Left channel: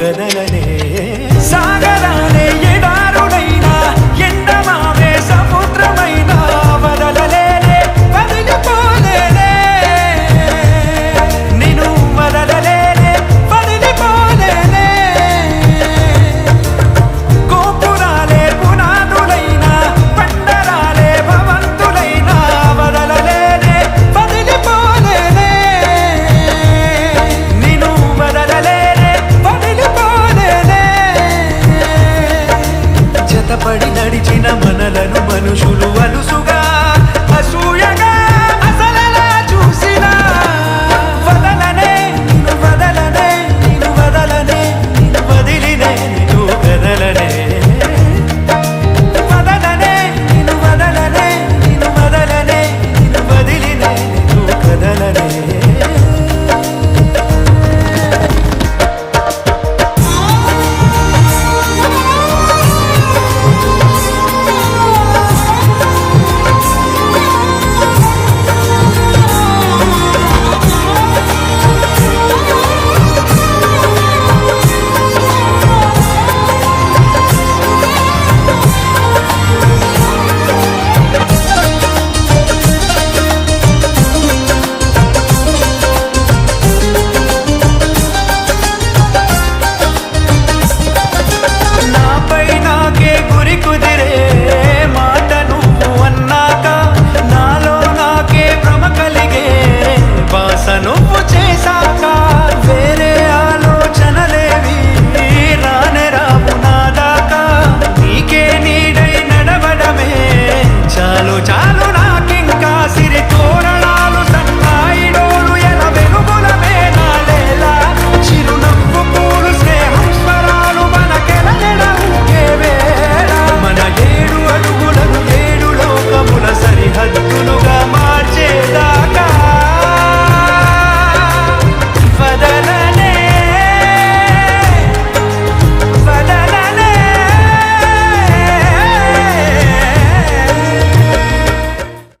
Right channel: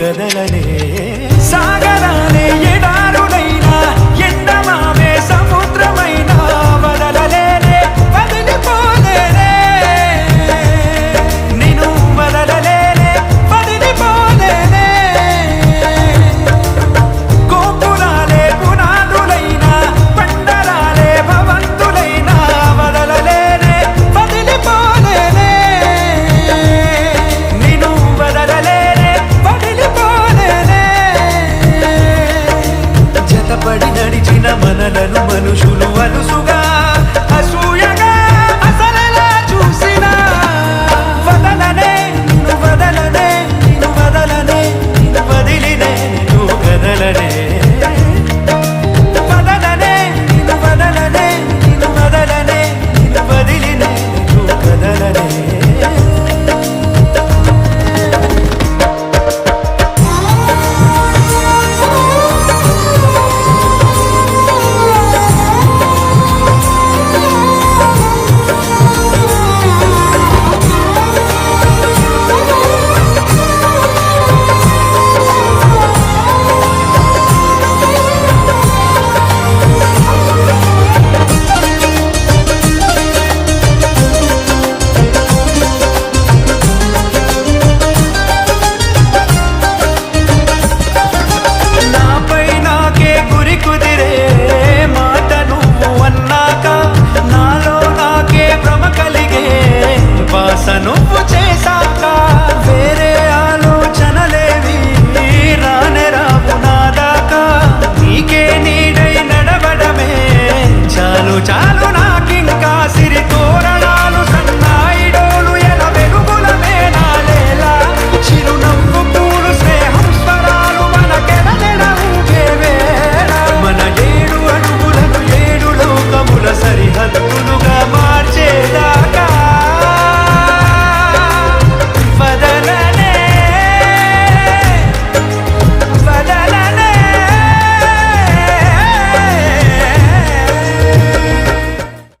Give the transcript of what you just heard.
కదలనే సాగరాలే ఎడారుడైనా ఎండమావే సముద్రమైనా వదలలేనే వదిలిపోలేనే నిన్ను వదలలేనే వదిలిపోలేనే గోపురాలే పునాదులైనా పండరాలే భవంతులైనా వదలలేనే వదిలిపోలేనే నిన్ను వదలలేనే వదిలిపోలేనే జతపడి నడిచిన మనలను మనుషులు అలుసుగా అసూయగా అసలలా చూసినా వదలనే నిన్ను వదలనే నిన్ను వదలనే నిన్ను వదిలినే నిన్ను కదలనే వదలనే నిన్ను వదలనే నిన్ను వదలనే నిన్ను వదిలినే నిన్ను కదలనే గురి కుదిరే మాట నువ్వు అన్నాక నాలో నాకే భ్రమ కలిగే బాస నువ్వు చేశాక వేరే ఆలోచనలేవి రానే రావు నాదాకా నీకే నీడై నడవడమే చాలు చాలు నాకింకా సిరి తోరణాలు సన్నాయిడోలు ఎల వెలుగులమే నాలేలా చిరునవ్వు పూలు స్నేహం స్వరాలు మనకెల నెడవుగే వేళ మన 7 అడుగులను 7 లోకముల సరిహద్దులు